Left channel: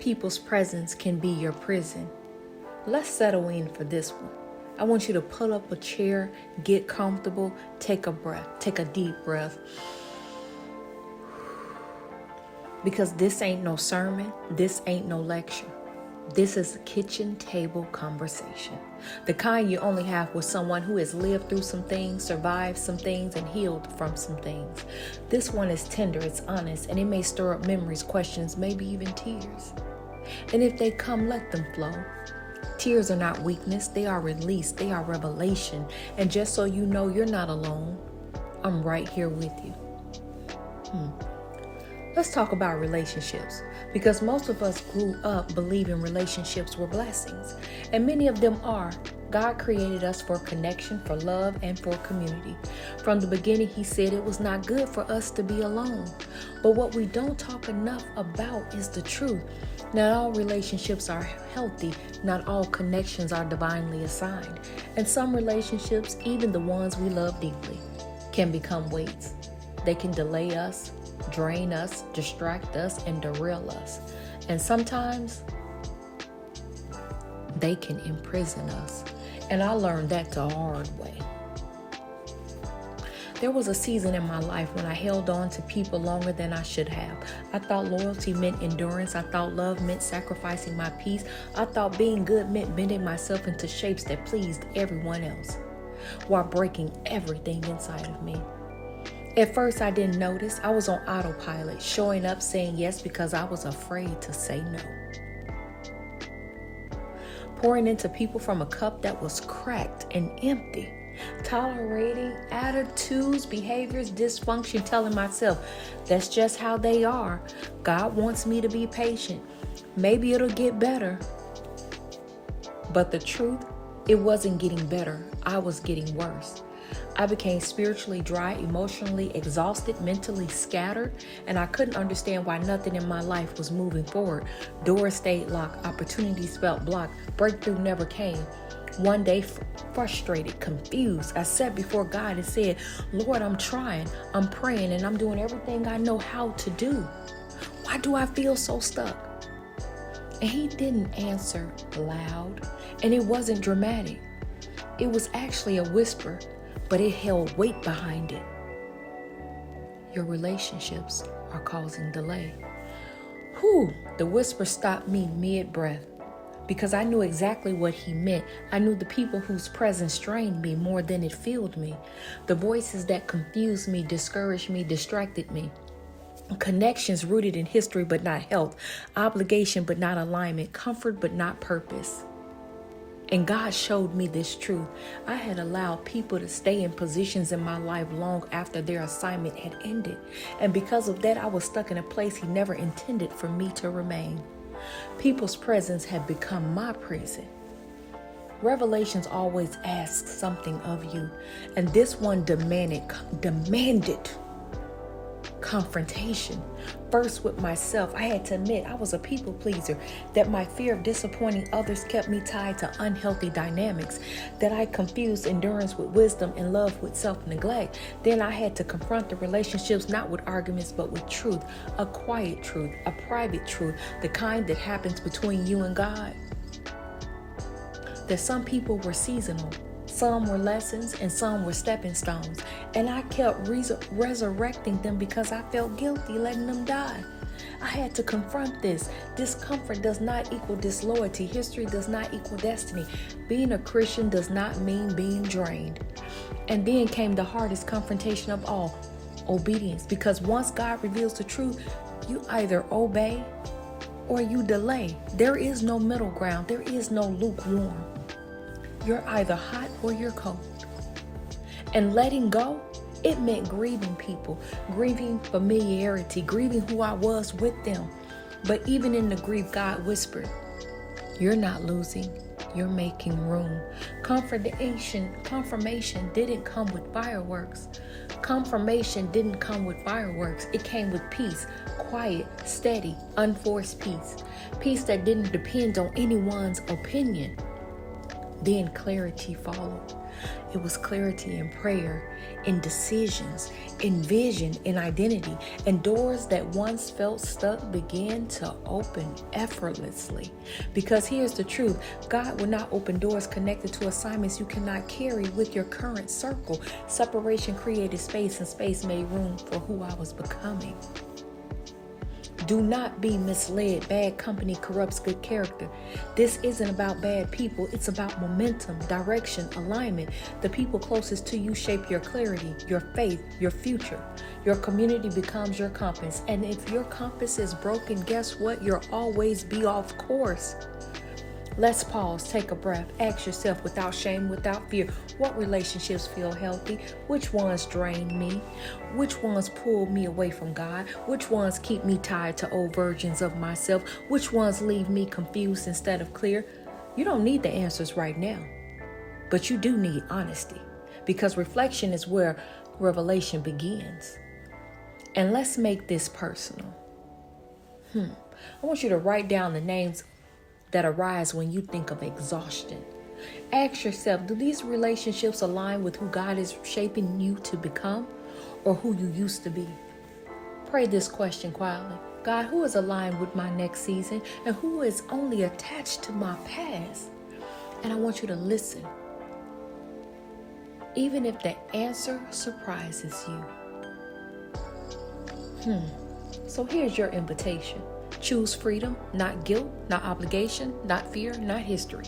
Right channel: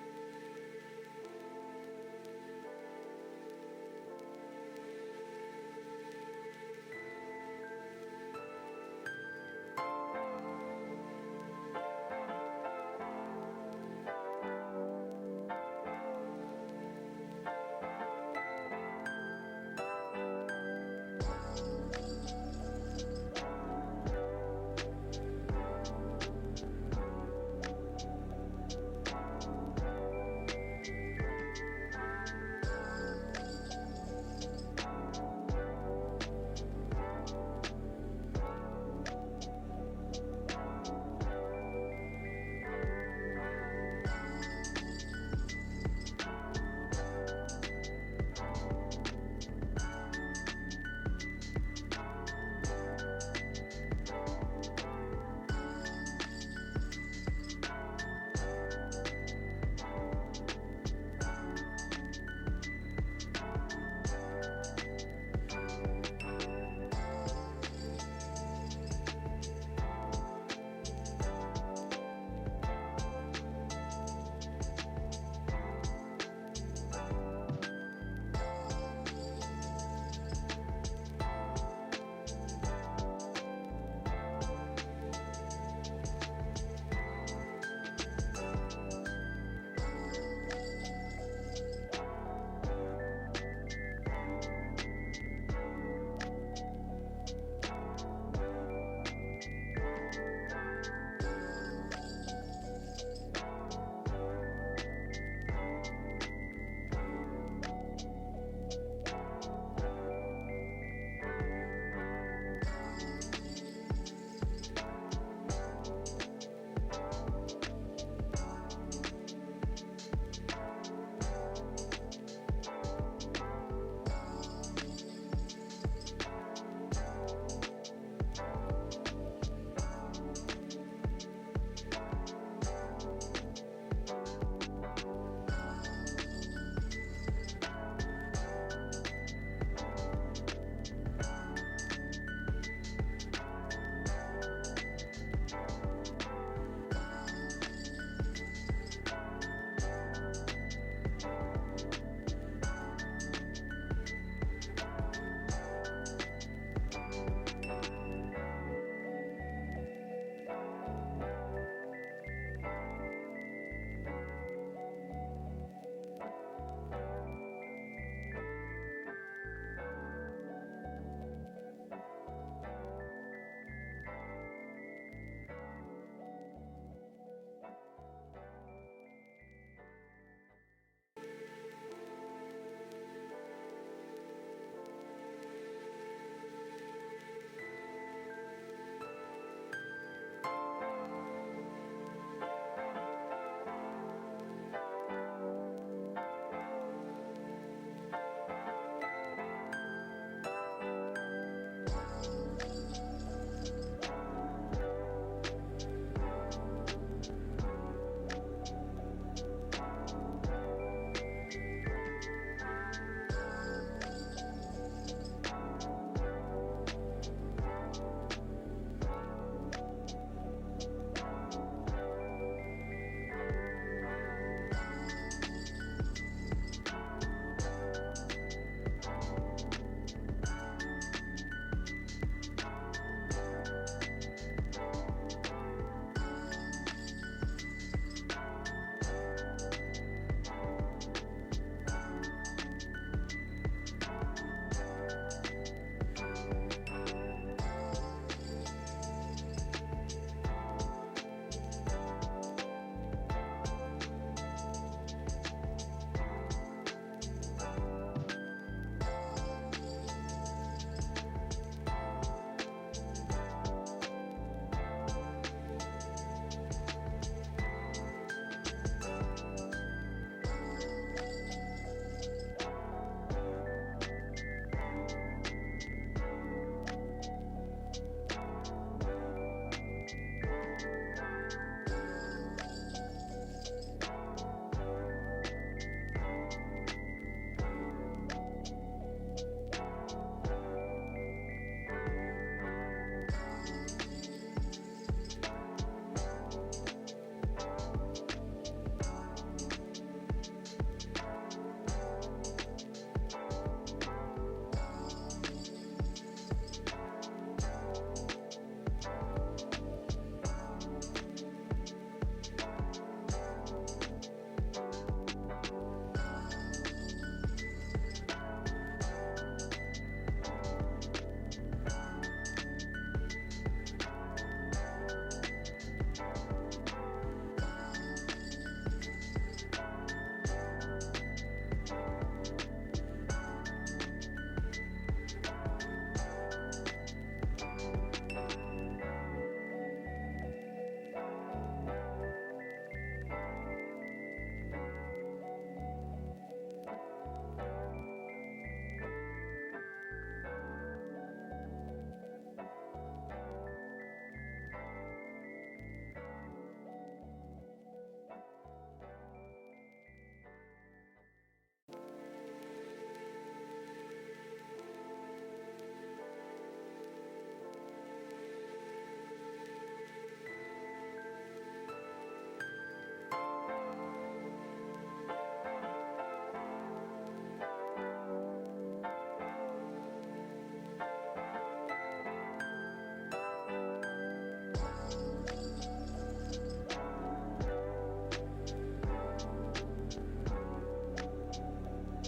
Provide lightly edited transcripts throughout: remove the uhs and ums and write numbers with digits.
People's presence can be your prison. Let's settle in for this one. I want you to pull up a chair, get comfortable, take a breath, take a deep breath. Because this ain't no sermon, this ain't no lecture. This is a kitchen table conversation. The kind you only have with someone who has lived through some things, survived some things, and healed from some things. This one is tender, it's honest, and it may stir up memories, questions, maybe even tears. And if they come, let them flow. Tears are not weakness, they are release, they are revelation. And just so you know, you're not alone. I'm right here with you. Let's talk about relationships, because most of us grew up believing relationships were blessings, and many of them are. God created us for connection, for love, and for community. From the beginning, He said it was not good for us to be alone. But what we don't talk enough about is the truth. Not all relationships are healthy. Not all connections are divinely assigned. And some relationships, even the ones we love deeply, can become weights. They can delay us, drain us, distract us, and derail us. And sometimes they can imprison us. And I learned that the hard way. There was a season in my life when I held on to people longer than I should have. I thought loyalty meant endurance. I thought love meant sacrificing my peace. I thought being good meant bending myself into shapes that pleased everyone else, while breaking everything inside of me. At first, I didn't notice. I was on autopilot, showing up, saying yes because I was afraid to say no. Pouring into people from a cup that was cracked and empty. Tolerating attitudes, behaviors, dysfunction, telling myself, that's just how they are. God wants me to be patient. Maybe it'll get better. But the truth, it wasn't getting better. I was getting worse. I became spiritually dry, emotionally exhausted, mentally scattered, and I couldn't understand why nothing in my life was moving forward. Doors stayed locked, opportunities felt blocked, breakthrough never came. One day, frustrated, confused, I sat before God and said, Lord, I'm trying, I'm praying, and I'm doing everything I know how to do. Why do I feel so stuck? And He didn't answer loud, and it wasn't dramatic. It was actually a whisper, but it held weight behind it. Your relationships are causing delay. The whisper stopped me mid-breath, because I knew exactly what He meant. I knew the people whose presence strained me more than it filled me. The voices that confused me, discouraged me, distracted me. Connections rooted in history but not health. Obligation but not alignment. Comfort but not purpose. And God showed me this truth. I had allowed people to stay in positions in my life long after their assignment had ended. And because of that, I was stuck in a place He never intended for me to remain. People's presence had become my prison. Revelations always asks something of you. And this one demanded confrontation. First with myself, I had to admit I was a people pleaser, that my fear of disappointing others kept me tied to unhealthy dynamics, that I confused endurance with wisdom and love with self-neglect. Then I had to confront the relationships not with arguments but with truth, a quiet truth, a private truth, the kind that happens between you and God. That some people were seasonal, some were lessons, and some were stepping stones. And I kept resurrecting them because I felt guilty letting them die. I had to confront this. Discomfort does not equal disloyalty. History does not equal destiny. Being a Christian does not mean being drained. And then came the hardest confrontation of all, obedience. Because once God reveals the truth, you either obey or you delay. There is no middle ground. There is no lukewarm. You're either hot or you're cold. And letting go, it meant grieving people, grieving familiarity, grieving who I was with them. But even in the grief, God whispered, you're not losing, you're making room. Confirmation didn't come with fireworks. Confirmation didn't come with fireworks. It came with peace, quiet, steady, unforced peace. Peace that didn't depend on anyone's opinion. Then clarity followed. It was clarity in prayer, in decisions, in vision, in identity, and doors that once felt stuck began to open effortlessly. Because here's the truth, God will not open doors connected to assignments you cannot carry with your current circle. Separation created space, and space made room for who I was becoming. Do not be misled. Bad company corrupts good character. This isn't about bad people. It's about momentum, direction, alignment. The people closest to you shape your clarity, your faith, your future. Your community becomes your compass. And if your compass is broken, guess what? You'll always be off course. Let's pause, take a breath, ask yourself without shame, without fear, what relationships feel healthy? Which ones drain me? Which ones pull me away from God? Which ones keep me tied to old versions of myself? Which ones leave me confused instead of clear? You don't need the answers right now, but you do need honesty, because reflection is where revelation begins. And let's make this personal. I want you to write down the names that arise when you think of exhaustion. Ask yourself, do these relationships align with who God is shaping you to become, or who you used to be? Pray this question quietly. God, who is aligned with my next season, and who is only attached to my past? And I want you to listen, even if the answer surprises you. So here's your invitation. Choose freedom, not guilt, not obligation, not fear, not history.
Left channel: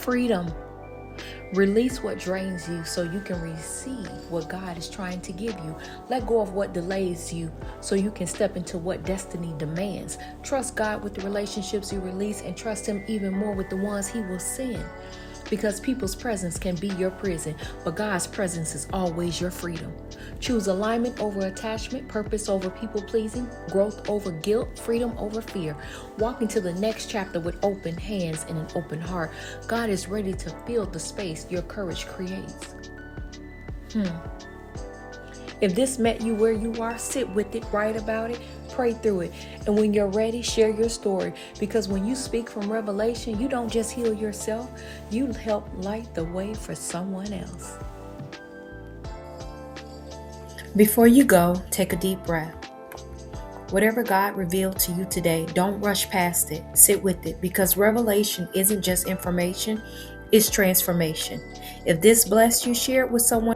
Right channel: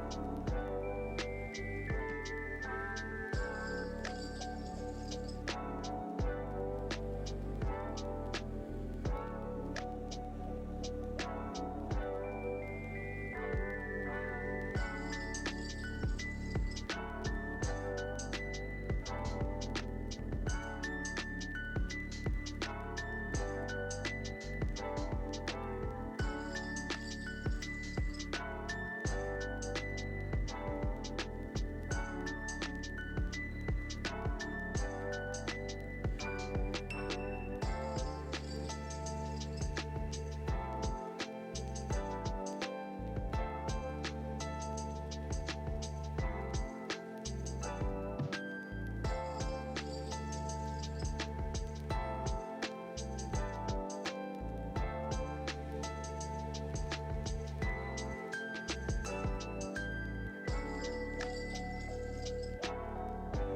Freedom. Release what drains you so you can receive what God is trying to give you. Let go of what delays you so you can step into what destiny demands. Trust God with the relationships you release, and trust Him even more with the ones He will send. Because people's presence can be your prison, but God's presence is always your freedom. Choose alignment over attachment, purpose over people-pleasing, growth over guilt, freedom over fear. Walk into the next chapter with open hands and an open heart. God is ready to fill the space your courage creates. If this met you where you are, sit with it, write about it, pray through it. And when you're ready, share your story. Because when you speak from revelation, you don't just heal yourself, you help light the way for someone else. Before you go, take a deep breath. Whatever God revealed to you today, don't rush past it. Sit with it, because revelation isn't just information, it's transformation. If this blessed you, share it with someone